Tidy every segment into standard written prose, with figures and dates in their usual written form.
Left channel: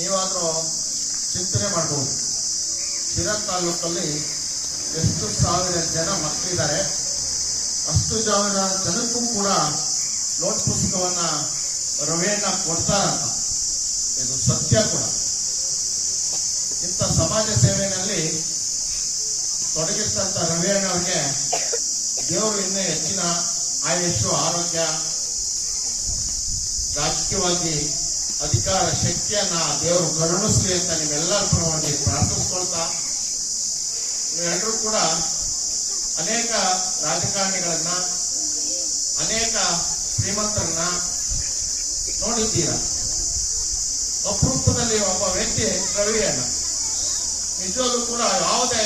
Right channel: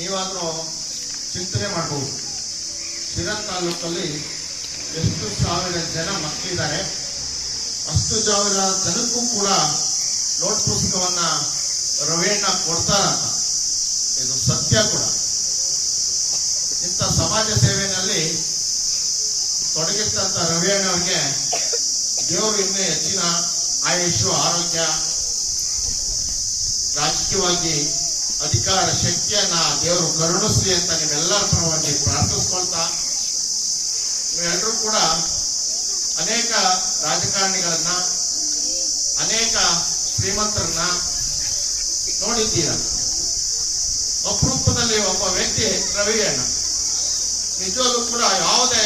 ನೀವಾದರೂ ಚಿಂತನೆ ಮಾಡಬಹುದು. ಶಿರಾ ತಾಲೂಕಲ್ಲಿ ಎಷ್ಟು ಸಾವಿರ ಜನ ಮಕ್ಕಳಿದ್ದಾರೆ, ಅಷ್ಟು ಸಾವಿರ ಜನಕ್ಕೂ ಕೂಡ ನೋಟ್ ಪುಸ್ತಕವನ್ನ ರವಿಯಣ್ಣ ಕೊಡ್ತಾರಂತ. ಇದು ಸತ್ಯ ಕೂಡ. ಇಂಥ ಸಮಾಜ ಸೇವೆಯಲ್ಲಿ ತೊಡಗಿರ್ತಂತ ರವಿಯಣ್ಣವ್ರಿಗೆ ದೇವರು ಇನ್ನೂ ಹೆಚ್ಚಿನ ಆಯುಷು, ಆರೋಗ್ಯ, ರಾಜಕೀಯವಾಗಿ ಅಧಿಕಾರ ಶಕ್ತಿಯನ್ನ ದೇವರು ಕರುಣಿಸಲಿ ಅಂತ ನಿಮ್ಮೆಲ್ಲರ ಪರವಾಗಿ ಪ್ರಾರ್ಥಿಸ್ಕೊಳ್ತಾ, ನೀವೆಲ್ಲರೂ ಕೂಡ ಅನೇಕ ರಾಜಕಾರಣಿಗಳನ್ನ, ಅನೇಕ ಶ್ರೀಮಂತರನ್ನ ನೋಡಿದ್ದೀರ. ಅಪರೂಪದಲ್ಲಿ ಒಬ್ಬ ವ್ಯಕ್ತಿ ರವಿಯಣ್ಣ. ನಿಜವಾಗ್ಲೂ ಕೂಡ ಯಾವುದೇ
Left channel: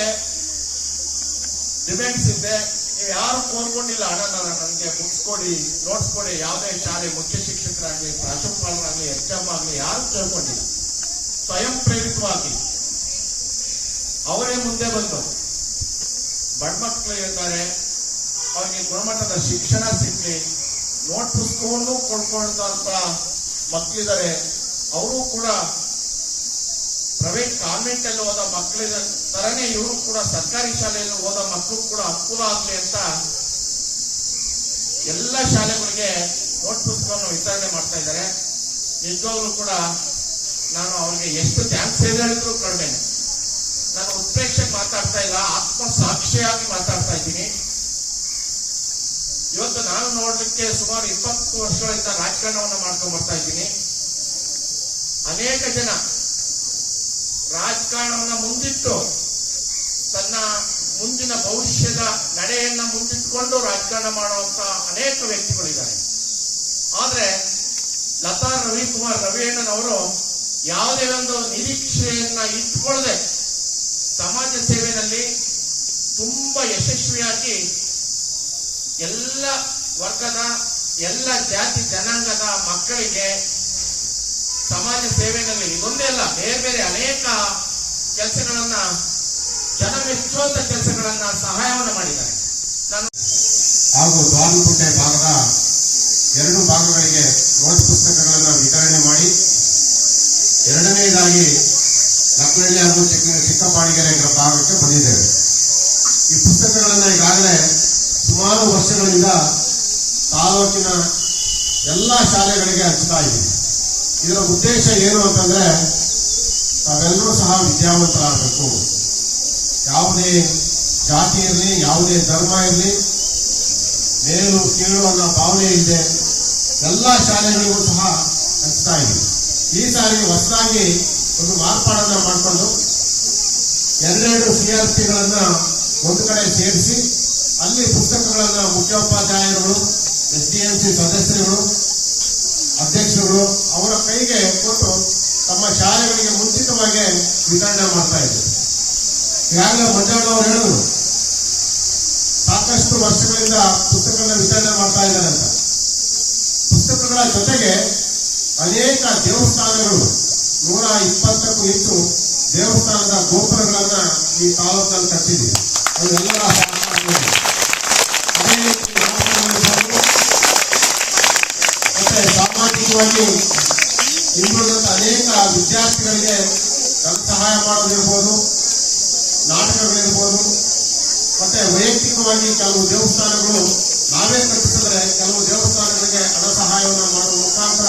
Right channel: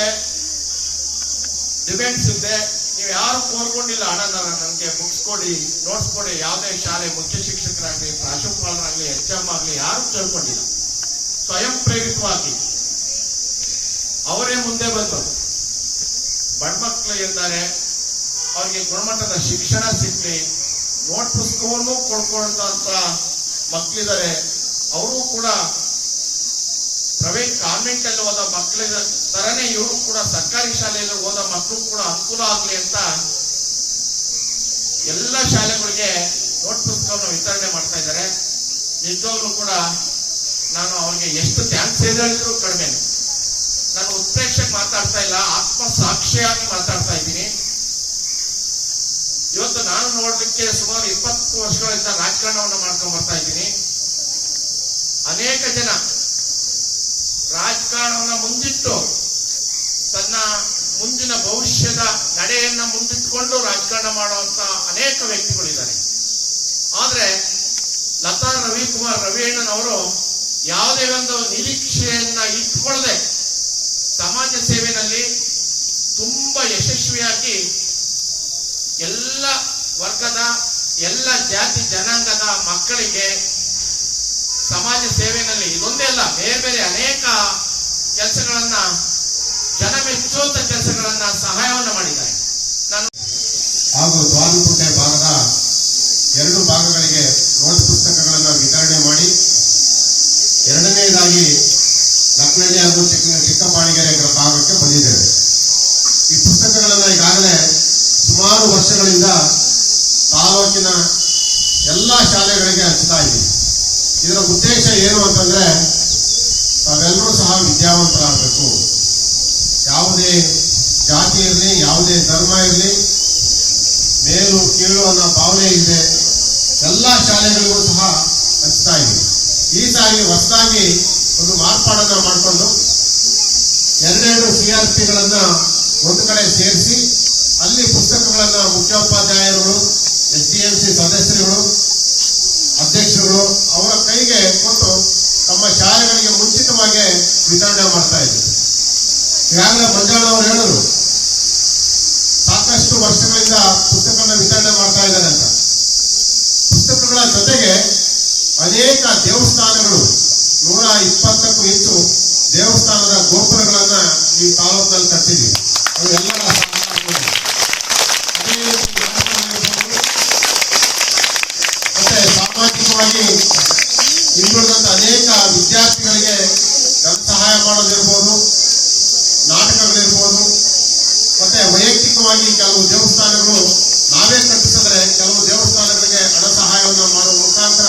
ಡಿಮ್ಯಾಂಡ್ಸ್ ಇದ್ದೆ, ನೀವು ಯಾರು ಕೋರ್ಕೊಂಡಿಲ್ಲ, ಅಣ್ಣ ನನಗೆ ಬುಕ್ಸ್ ಕೊಡಿ, ನೋಟ್ಸ್ ಕೊಡಿ, ಯಾವುದೇ ಶಾಲೆ ಮುಖ್ಯ ಶಿಕ್ಷಕರಾಗಲಿ, ಪ್ರಾಂಶುಪಾಲರಾಗಲಿ, HM ಆಗಲಿ ಯಾರು ಕೇಳ್ಕೊಂಡಿಲ್ಲ. ಸ್ವಯಂ ಪ್ರೇರಿತವಾಗಿ ಅವರೇ ಮುಂದೆ ಬಂದು ಬಡ ಮಕ್ಕಳು ಇರ್ತಾರೆ, ಅವ್ರಿಗೆ ಗುಣಮಟ್ಟದ ಶಿಕ್ಷಣ ಸಿಗ್ಲಿ, ನೋಟ್ ಪುಸ್ತಕವನ್ನು ಕೊಡ್ಕೊಂಡಂತ ಮಕ್ಕಳಿದ್ದಾರೆ. ಅವರು ಕೂಡ ಪ್ರೈವೇಟ್ ಕಾನ್ವೆಂಟ್ ಅಲ್ಲಿ ಓದೋ ಮಕ್ಕಳ ತರನೇ ಇವರು ಕೂಡ ಸರ್ಕಾರಿ ಶಾಲೆಯಲ್ಲಿ ಓದೋ ಮಕ್ಕಳು ಕೂಡ ಅನುಕೂಲ ಆಗ್ಲಿ ಅಂತ ಎಲ್ಲ ಶಾಲೆಗಳಿಗೆ ನೋಟ್ ಪುಸ್ತಕವನ್ನು ವಿತರಣೆ ಮಾಡ್ತಾ ಇದ್ದಾರೆ. ನಿಜವಾಗ್ಲೂ ಕೂಡ ನಾನು ಅವ್ರಿಗೆ ಎಷ್ಟು ಥ್ಯಾಂಕ್ಸ್ ಹೇಳಿದ್ರು ಕಡಿಮೆನೆ. ನಾನು ಉತ್ಪ್ರೇಕ್ಷೆಗೆ ಮಾತಾಡ್ತಾ ಇಲ್ಲ, ಆತ್ಮ ಸಾಕ್ಷಿಯಾಗಿ ಮಾತಾಡ್ತಾ ಇದ್ದೀನಿ. ಇವತ್ತು ನಾನು ನೋಡ್ಲಿಕ್ಕೆ ಸುಮಾರು 20 ವರ್ಷಗಳಿಂದ ರಾಜಕಾರಣವನ್ನು ಮಾಡ್ಕೊಂಡ್ ಬರ್ತಾ ಇದ್ದೀನಿ. ಅನೇಕ ಜನ ರಾಜಕಾರಣವನ್ನ ಮುಂದಿಟ್ಟು ತನ್ನ ಮುಂದಿನ ಭವಿಷ್ಯದ ನಡೆಯನ್ನ ಮುಂದಿಟ್ಟುಕೊಂಡು ರಾಜಕಾರಣ ಮಾಡುವಂತ ಅನೇಕ ವ್ಯಕ್ತಿಗಳಿದ್ದಾರೆ. ಆದ್ರೆ ಲತಾ ರವಿಕುಮಾರ್ ರವಿಯಣ್ಣನವರು ಯಾವುದೇ ಒಂದು ನಿರೀಕ್ಷೆಯನ್ನ ಇಟ್ಕೊಳ್ಳದೆ ಸಮಾಜ ಸೇವೆಯಲ್ಲಿ ತುಂಬಾ ಯಶಸ್ವಿಯಾಗಿ ಎಲ್ಲ ವರ್ಗದ, ಎಲ್ಲ ಜಾತಿ ಜನಾಂಗದ ಮಕ್ಕಳಿಗೆ ಸಮಾಜ ಸೇವೆಯಲ್ಲಿ ಇದೊಂದೇ ಅಲ್ಲ, ಬೇರೆ ಬೇರೆ ಅನೇಕ ಕೆಲಸಗಳನ್ನ, ಜನ ಮೆಚ್ಚುವಂತ ಕೆಲಸಗಳನ್ನ, ಸಹಾಯವನ್ನು ಮಾಡಿದ್ದಾರೆ. ನಾನು ಹಾಗೂ ದ್ವಾರಕುಂಟೆ ಭಾಗದ 2 ಭಾಗಗಳಿಗೆ ನೋಟ್ ಪುಸ್ತಕಗಳನ್ನು ವಿತರಣೆ ಮಾಡಿ, ಎರಡನೇದಾಗಿ ಲಕ್ನಳ್ಳಿ ಹಾಗೂ ಚಿಕ್ಕಪಾಣಿಗೆರೆ ಭಾಗಕ್ಕೆ ಬಂದಿದ್ದೇವೆ. ಈ ಪುಸ್ತಕಗಳನ್ನು ಈಗಾಗಲೇ ಸುಮಾರು ವರ್ಷಗಳಿಂದ ತಾಲೂಕಿನ ಎಲ್ಲ ಶಾಲೆಗಳಿಗೆ ಹಂಚ್ತಾ ಇದ್ದೀವಿ. ಇದರ ಉದ್ದೇಶ ಏನು ಅಂತಂದ್ರೆ, ತಾವೆಲ್ಲರೂ ಸಹ ವಿದ್ಯಾವಂತರಾಗಬೇಕು. ಯಾವುದೇ ಜಾತಿ ಇರಲಿ, ಯಾವುದೇ ಧರ್ಮ ಇರಲಿ, ಮೇಲು ಕೀಳು ಅನ್ನೋ ಭಾವನೆ ಇದೆ, ಎಲ್ಲ ಶಾಲೆಗಳಿಗೂ ಸಹ ಹಂಚ್ತಾ ಇದ್ದೀವಿ. ಈ ಸಾರಿ ಹೊಸದಾಗಿ ಒಂದು ಮಾರ್ಪಾಡನ್ನ ಮಾಡಿಕೊಂಡು 2 CRPಗಳನ್ನ ಒಂದು ಕಡೆ ಸೇರಿಸಿ, ಅಲ್ಲಿ ಪುಸ್ತಕಗಳನ್ನ ಮುಖ್ಯೋಪಾಧ್ಯಾಯರುಗಳು, SDMC ಸದಸ್ಯರುಗಳು, ಅಧ್ಯಕ್ಷರುಗಳು ಅವರ ಕೈಗೆ ಕೊಟ್ಟು ತಮ್ಮ ಶಾಲೆಗಳಿಗೆ ಮುಂಚಿತವಾಗಿ ವಿತರಣೆ ಮಾಡ್ತಾ ಇದ್ರು. ಈಗಾಗಲೇ ಮಂಜಾಳ ಅವರು ಹೇಳಿದ್ರು, ಸಾಕಷ್ಟು ವರ್ಷಗಳಿಂದ ಪುಸ್ತಕಗಳನ್ನ ವಿತರಣೆ ಮಾಡ್ತಾ ಇದ್ದಾರೆ ಅಂತ. ಪುಸ್ತಕಗಳ ಜೊತೆಗೆ ಅನೇಕ ದೇವಸ್ಥಾನಗಳು, 120ಕ್ಕೂ ಹೆಚ್ಚು ದೇವಸ್ಥಾನದ ಗೋಪುರಗಳನ್ನ ಈ ತಾಲೂಕಿನಲ್ಲಿ ಕಟ್ಟಿದ್ದೀವಿ. ಅವೆಲ್ಲರ ಅದೇ ರೀತಿ ಮತ್ತೆ ಸಾಮಾಜಿಕವಾಗಿ ಹಿಂದುಳಿದಂತ ಅನೇಕ ವಿದ್ಯಾರ್ಥಿಗಳಿಗೆ ಧನ ಸಹಾಯ ಮಾಡೋದಿರ್ಬೋದು, ನಾಟಕಗಳಿರ್ಬೋದು, ಮತ್ತೆ ವೈಯಕ್ತಿಕವಾಗಿ ಕೆಲವು ದೇವಸ್ಥಾನಗಳು ನಾವೇ ಕಟ್ಟಿಸಿದ್ರೆ ಕೆಲವು ದೇವಸ್ಥಾನಗಳಿಗೆ ಹಣ ಸಹಾಯವನ್ನು ಮಾಡುವ ಮುಖಾಂತರ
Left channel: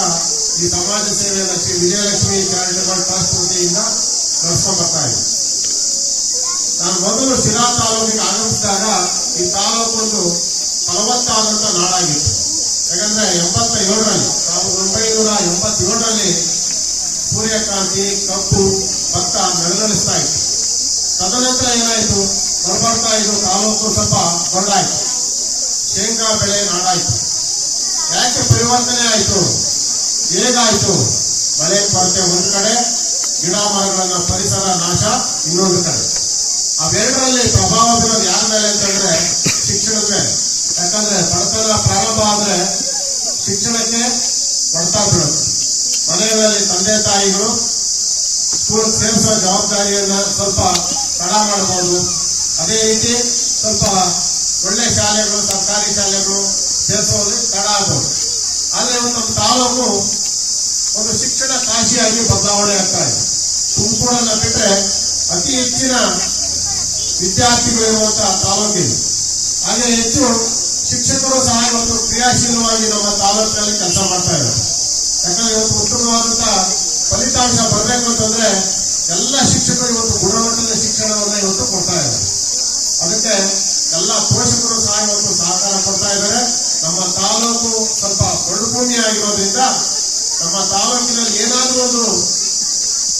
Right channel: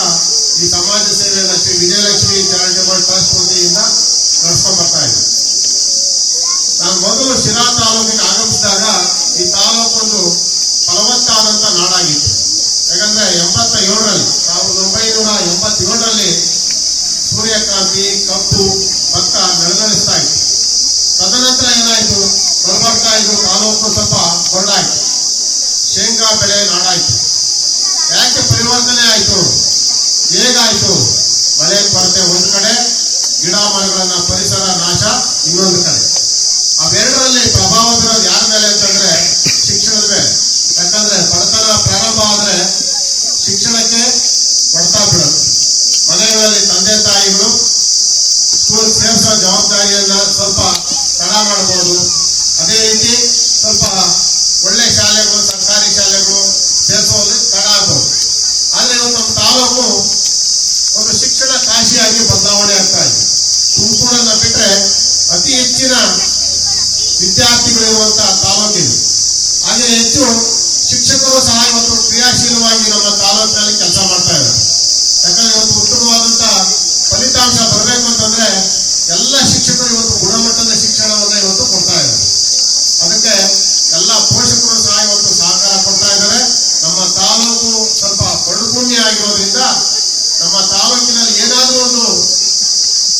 ಈ ಸಮಾಜ ಸೇವೆಯನ್ನು ಶ್ರೀ ವಿಜಯಲಕ್ಷ್ಮಿ ಚಾರಿಟೇಬಲ್ ಟ್ರಸ್ಟ್ ವತಿಯಿಂದ ನಡೆಸ್ಕೊಂಡು ಬರ್ತಾ ಇದೆ. ನಾನು ಮೊದಲು ಶಿರಾ ತಾಲೂಕಿಗೆ ಆಗಮಿಸಿದಾಗ ಈ ತಾಲೂಕು ಒಂದು ಫಲವತ್ತಾದಂತ ನಾಡಾಗಿತ್ತು. ಯಾಕಂದ್ರೆ 87ರಲ್ಲಿ 1987ರಲ್ಲಿ ಸೂರ್ಯಕಾಂತಿ, ಕಬ್ಬು, ಭತ್ತ ನಳನಳಿಸ್ತಾ ಇತ್ತು. ತದನಂತರ ಏನಾಯ್ತು, ಬರ್ಬರ್ತಾ ಇದು ತಾಲೂಕು ಸ್ವಲ್ಪ ಬರಡಾಯ್ತು, ಶೇಂಗಾ ಬೆಳೆ ನಾಡಾಯ್ತು. ಯಾಕೆ ಪರಿವರ್ತನೆ ಆಯ್ತು, ಹೇಗಾಯ್ತು? ಮಳೆ ಕೊರತೆ ಒಂದು ಕಡೆ, ಗಿಡ ಮರಗಳನ್ನ ಪರಿಸರ ನಾಶ ಇನ್ನೊಂದು ಕಡೆ. ಅವೆರಡರಲ್ಲಿ ಪ್ರಭಾವ ಬೀರೋದು ಯಾರ ಮೇಲೆ ಅಂತಂದ್ರೆ ಶಿಕ್ಷಣದ ಮೇಲೆ. ಯಾಕಂದ್ರೆ ಬಡತನ ಪ್ರಾರಂಭ ಆದ್ರೆ ಶಿಕ್ಷಣಕ್ಕೆ ಕೊಡ್ತಾ ಬಿಡುತ್ತೆ. ಮನೆಯಲ್ಲಿ ತಂದೆ ತಾಯಿಗಳು ಸ್ಕೂಲ್ ಸೇರಿಸೋ ಜವಾಬ್ದಾರಿಯನ್ನ ಸ್ವಲ್ಪ ತಡ ಮಾಡಬಹುದು. ಅದೇ ರೀತಿ ಸ್ವಲ್ಪ ಒಳ್ಳೆ ಶಾಲೆಗಳು, ಸರ್ಕಾರಿ ಶಾಲೆಗಳು ಸೇರಿಸೋದು ತಡ ಆಗಬಹುದು. ಆದ್ರೆ ನಮ್ಮ ತಾಲೂಕು ಒಂದು ಶಿಕ್ಷಣ ಕಾಶಿಯಾಗಿ ಬದಲಾವಣೆ ಆಗ್ತಾ ಇದೆ. ಅತಿ ಹೆಚ್ಚಿನ ವಿದ್ಯಾರ್ಥಿಗಳಿರುವಂತಹ ತಾಲೂಕಿದು. ಹಾಗೆ ಹೆಚ್ಚು ಶಿಕ್ಷಕರು ಸಹ ಇವತ್ತು ಕ್ರಿಯಾಶೀಲವಾಗಿ ನಮ್ಮ ತಾಲೂಕಿನಲ್ಲಿ ಕೆಲಸ ಮಾಡ್ತಾ ಇದ್ದಾರೆ. ಯಾಕಂದ್ರೆ ಇವತ್ತು ಉತ್ತಮವಾದಂತಹ ಫಲಿತಾಂಶ ಬರಬೇಕು ಅಂತಂದ್ರೆ ಎಲ್ಲ ಶಿಕ್ಷಕರು ಇವತ್ತು ಗುಣಮಟ್ಟದ ಶಿಕ್ಷಣವನ್ನ ಇವತ್ತು ಕೊಡ್ತಾ ಇದ್ದಾರೆ. ಅದಕ್ಕೆ ಎಲ್ಲ ಪೋಷಕರು ಸಹ ಇವತ್ತು ಸಹಕಾರ ಕೊಡ್ತಾ ಇದ್ದಾರೆ. ನಮ್ಮ ತಾಲೂಕು ಸ್ವಲ್ಪ ಬಡಭೂಮಿ ಆಗಿರೋದ್ರಿಂದ ನಮ್ಮ ತಾಲೂಕಿನಲ್ಲಿ ಏನಾದರೂ ಒಂದು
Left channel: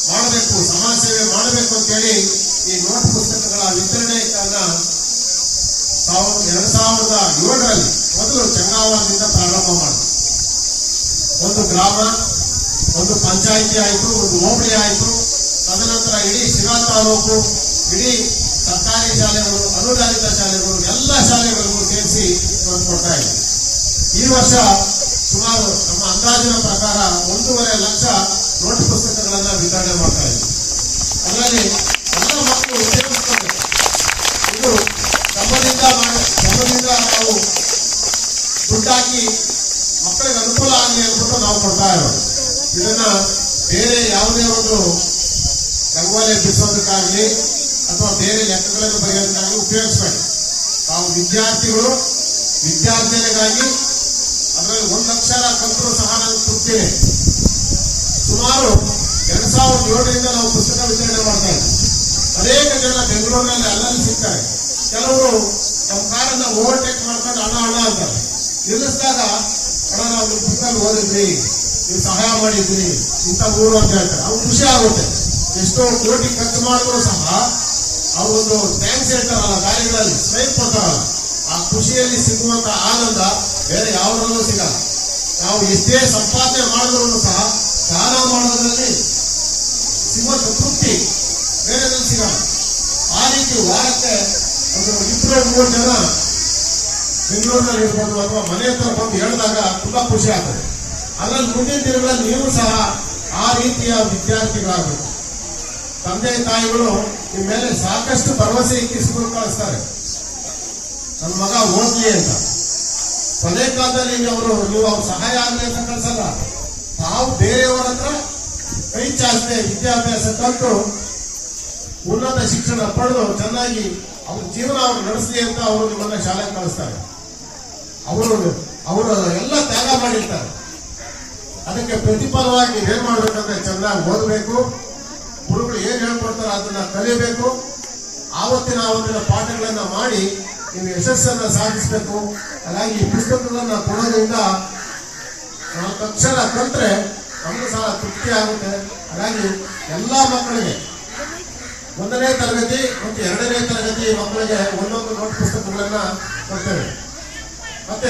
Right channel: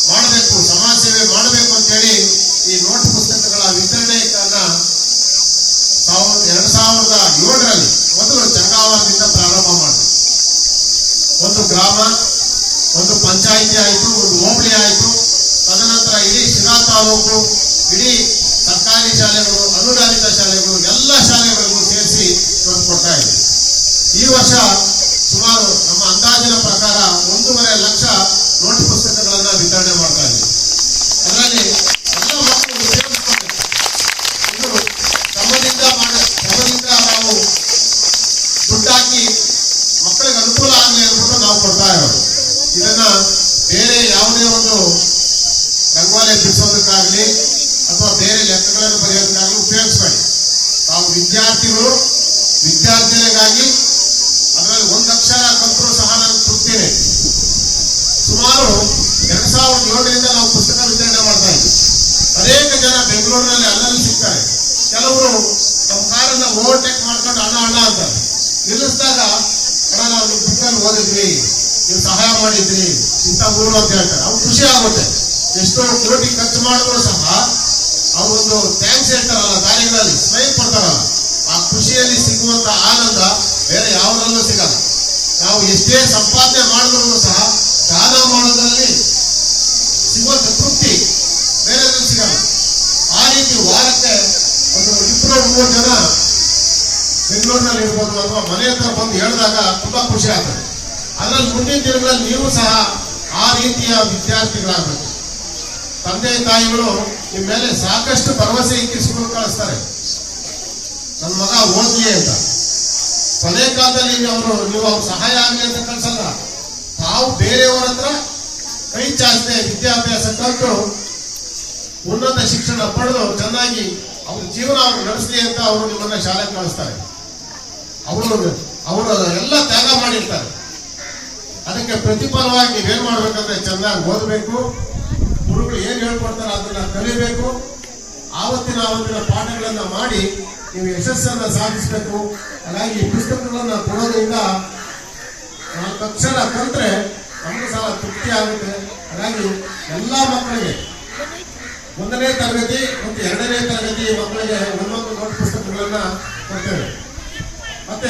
ಮಾಡಬೇಕು, ಸಮಾಜ ಸೇವೆ ಮಾಡಬೇಕು ಅಂತೇಳಿ ಈ ನೋಟ್ ಪುಸ್ತಕಗಳ ವಿತರಣೆಯನ್ನ 2007ರಲ್ಲಿ ಮೊದಲು ಚಂಗಾವರದಿಂದ ಪ್ರಾರಂಭ ಮಾಡಿದ್ರು. ಒಂದು ಗ್ರಾಮ, ಒಂದು ಪಂಚಾಯಿತಿ ಆಯಿತು, ಒಂದು ಹೋಬಳಿ ಆಯಿತು. ತದನಂತರ ಇಡೀ ಶಿರಾ ತಾಲೂಕು, ಇಡೀ ಸರ್ಕಾರಿ ಶಾಲೆಗಳು, ಅನುದಾನಿತ ಶಾಲೆಗಳು, ಎಲ್ಲ ಶಾಲೆಗಳಿಗೂ ಸೇರಿಸಿ ಇವತ್ತು ಕೊಡ್ತಾ ಇದೆ. ಈ ವರ್ಷ ಸುಮಾರು ನಮ್ಮ ಅಂದಾಜಿನ ಪ್ರಕಾರ 1.5 ಲಕ್ಷ ನೋಟ್ ಪುಸ್ತಕಗಳನ್ನ ವಿತರಣೆ ಮಾಡ್ತಾ ಇದ್ದೀವಿ. ಅದರಲ್ಲಿ ಎಲ್ಲ ಮಕ್ಕಳು ಉಪಯೋಗಿಸ್ಕೊಳ್ಬೇಕು. ಇದು ಶ್ರಮದಿಂದ ನಾವು ದುಡ್ಡಾಕಿ ಮಕ್ಕಳಿಗೆ ಅನುಕೂಲ ಆಗಲಿ ಅಂದ್ಬಿಟ್ಟು ನಾವು ಕೊಡ್ತಾ ಇರೋದು. ಇದನ್ನ ಬೇರೆ ಯಾವುದೇ ಒಂದು ರಂಗೋಲಿ ಬಿಡಿಸೋದಕ್ಕಾಗಲಿ ಅಥವಾ ಬೇರೆ ಲೆಕ್ಕಗಳನ್ನು ಬರೆಯೋದಕ್ಕಾಗಲಿ ಉಪಯೋಗಿಸಬೇಡಿ. ತಾವು ವಿದ್ಯಾರ್ಥಿಗಳು ವಿದ್ಯಾರ್ಜನೆಗಾಗಿ ಅದರಲ್ಲಿ 1 ಅಕ್ಷರ ಕಲ್ತರೂ ಸಹ ನಾನು ತೃಪ್ತಿನೇ. ಸುಮಾರು 2007ರಿಂದ ನಾವು ಪುಸ್ತಕ ವಿತರಣೆ ಮಾಡ್ತಾ ಇದ್ವಿ. ಅನೇಕ ಜನ ಬೆಂಗಳೂರಿನಲ್ಲಿ ಅಲ್ಲಲ್ಲಿ ಸಿಗ್ತಾರೆ. ಕೆಲವರು ನಮ್ಮ ಕಾರನ್ನ ಓವರ್ಟೇಕ್ ಮಾಡ್ಕೊಂಡು ಅಣ್ಣ ಅಂತಾರೆ. ನಿಲ್ಲಿಸಿದಾಗ ಅಣ್ಣ ನಾವು ನಿಮ್ಮ ಬುಕ್ಕಲ್ಲಿ ಓದಿದ್ವಿ, ನೀವು ಸಹಾಯ ಮಾಡಿದ್ರಿ, ಇಂಥ ಊರು ಅಂತ ಹೇಳ್ತಾರೆ. ಅವ್ರು ಖುಷಿ ಆಗುತ್ತೆ. ಎಷ್ಟೋ ಕೋಟಿ ಖರ್ಚು ಮಾಡಿದ್ರು ಸಹ ಅವರೊಂದು ಥ್ಯಾಂಕ್ಸ್ ಹೇಳ್ತಾರಲ್ಲ, ದಾರಿಗಳಲ್ಲಿ ಸ್ಮೈಲ್ ಕೊಡ್ತಾರಲ್ಲ, ಆ ಖುಷಿಯಲ್ಲಿ ಸಿಗುವಂತ ಆನಂದ ಬೇರೆ ಯಾವುದರಲ್ಲೂ ಸಿಗಲ್ಲ. ನಾವು ಎಷ್ಟೇ ಸಂಪಾದನೆ ಮಾಡಿದ್ರು ಸಹ ದಾನ ಮಾಡೋದ್ರಲ್ಲಿ ಸಿಗುವಂತ ತೃಪ್ತಿ ಬೇರೆದ್ರಲ್ಲಿ ಸಿಗಲ್ಲ. ಆ ರೀತಿ ವಾರಕ್ಕೆ ಒಂದು 2-3 ಜನ ಬೆಂಗಳೂರಿನಲ್ಲಿ ಇರ್ಬೋದು ಅಥವಾ ಮನೆ ಹತ್ರ ಬಂದು ಹೇಳಿದಾಗ ತುಂಬಾ ಖುಷಿ ಆಗ್ತದೆ. ಅದರಲ್ಲಿ ಮುಂದಿನ ದಿನಗಳಲ್ಲಿ ನೀವು ಸಹ ಆ ರೀತಿಯ ವಿದ್ಯಾರ್ಥಿಗಳಾಗಬೇಕು. ತಂದೆ ತಾಯಿಗಳು ನಿಮ್ಮ ಮೇಲೆ ಸಾಕಷ್ಟು ಭರವಸೆ ಇಕ್ಕಿ ಸ್ಕೂಲ್ ಕಳಿಸ್ತಾರೆ, ನನ್ನ ಮಗ ಓದ್ಲಿ ಅಂತ. ಕೊನೆ ಕಾಲದಲ್ಲಿ ನೀವು ಅವ್ರ ಸಹಾಯ ಆಗಲಿ ಅಂತ ಕಳ್ಸಲ್ಲ. ತಾವು ಬೇರೆಯವರ ಹತ್ರ ಕೈ ಚಾಚದೆ ವಿದ್ಯಾಭ್ಯಾಸ ಕಲಿತು ಉನ್ನತ ಶಿಕ್ಷಣ ಪಡೆದು ಚೆನ್ನಾಗಿ ಅವ್ರ ಜೀವನ ಅವ್ರು ನಡೆಸಲಿ ಅಂತ ಅವರು ನಿಮ್ಮನ್ನ ಶಾಲೆಗೆ ಕಳಿಸ್ತಾರೆ. ಅವರು ಎಲ್ಲ ತ್ಯಾಗ ಮಾಡಿರ್ತಾರೆ. ಅದಕ್ಕೆ ಪ್ರತಿಫಲವಾಗಿ ನೀವೇನ್ ಮಾಡ್ಬೇಕಂದ್ರೆ ಚೆನ್ನಾಗಿ ಓದಬೇಕು, ಗುರುಗಳು ಏನ್ ಹೇಳ್ಕೊಡ್ತಾರೋ ಅದನ್ನ ಕಲಿಬೇಕು, ಆವತ್ತಿನ ಪಾಠಗಳನ್ನ ಮಾಡಿ ನೀವು ಯಶಸ್ಸನ್ನ ಸಾಧಿಸಬೇಕು. ಹಾಗಾಗಿ ಈ ಪುಸ್ತಕಗಳನ್ನ ಕೊಡೋದ್ರಿಂದ 4 ಅಕ್ಷರ ಕಲ್ತ್ರೆ ನಮಗೂ ಸಹ ತೃಪ್ತಿ ಆಗುತ್ತೆ. ಹಾಗಾಗಿ ಎಲ್ಲಾ ಮಕ್ಕಳಿಗೆ 1ನೇ ತರಗತಿ ಮತ್ತು 2ನೇ ತರಗತಿ ಮಕ್ಕಳಿಗೆ ಒಂದೊಂದು ನೋಟ್ ಪುಸ್ತಕಗಳನ್ನ ಕೊಡ್ತೇವೆ. ಮತ್ತೆ